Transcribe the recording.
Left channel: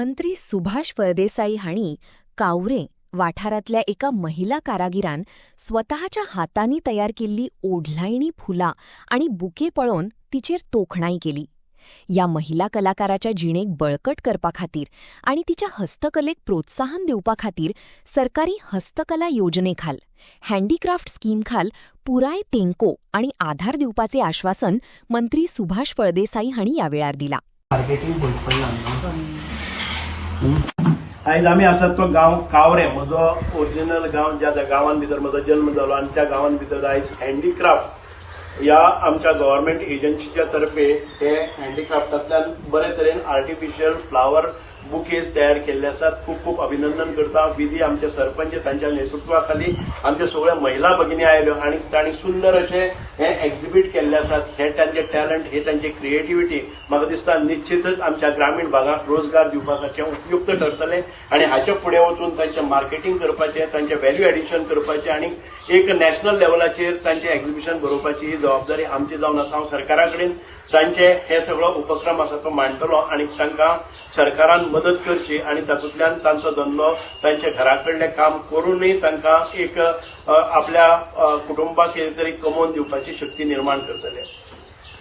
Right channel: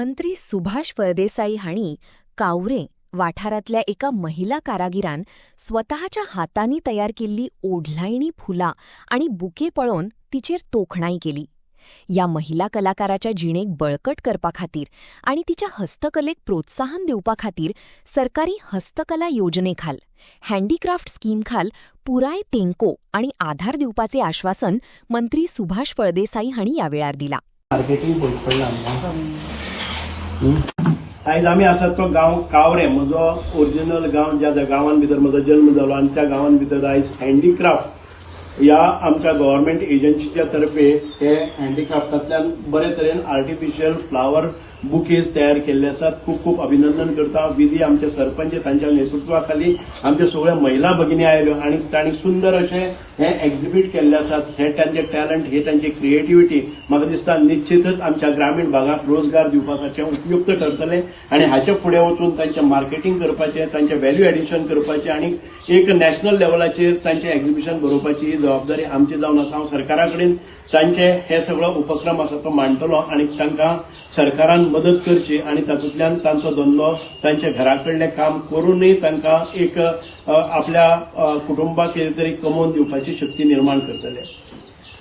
मंत्री सुभाष फळदेसाई हांणी कावरे वाठारातल्या एका महिला कारागिरान स्वतःच्या हातांनी तयार केल्ली ओढलायणी फुलां आणि बुके पळोवन तिचेर तोखणाई केली. या महिला कलाकाराच्या जिणेक बळकट करपा खातीर आणि तिच्या हस्तकलेक प्रोत्साहन दिवपा खातीर सरकारी हस्तकला योजनेखाल हँडीक्राफ्ट स्कीमखाल पुराय तेंको आणि आधार दिवपाचे आश्वासन मंत्री सुभाष फळदेसाई हांणी ह्या वेळार दिला. आयज आमी आसात तो गांव कावरे, म्हजो ओरिजिनल गांव ज्या गांवान भितर म्हजो जन्म जालो आनी त्या गांवान भितर आयज हँडीक्राफ्ट ह्या आमच्या गव्हर्नमेंट एजन्सीच्या तर्फे हे हँडीक्राफ्टांतल्यान बरे तरेन आर्टिफिशियल फ्लावर बुकेज तयार केल्ले आसात. खूप खूप अभिनंदन करता. विधी आमचे सरपंच तांच्या नेतृत्वाखाली आमच्या सगळ्या महिला भगिनी आयल्यो आणि तांणी सुंदर अशे हे एक्झिबीट केल्ले आसात. हे तांचे टॅलंट, हे तांची क्रिएटिव्हिटी म्हाका दिसता निश्चितच आमच्या ग्रामीण भागात रोजगार दिवपाचे उपयुक्त ठरतले आणि हाचे फुडें वचून तांचे मार्केटिंग करपाचें, तांचे व्हॅल्यू एडिशन करपाचें आणि एक नॅशनल लेवलाचेर तांचे एक्झिबिशन भरोवपाची जबाबदारी आमची जावन आसा. हांव सरकारा कडेन तांचे हे सगळो उपक्रम आसा तो मांडटलो आणि तांकां सरकारान मदत करची आणि तातूंतल्यान तांचो धंदो तांचे घरा कडलें काम करूनय तांकां एक आपल्या कुटुंबाक कितें तरी कमोवन दिवपाची शक्ती निर्माण करतले.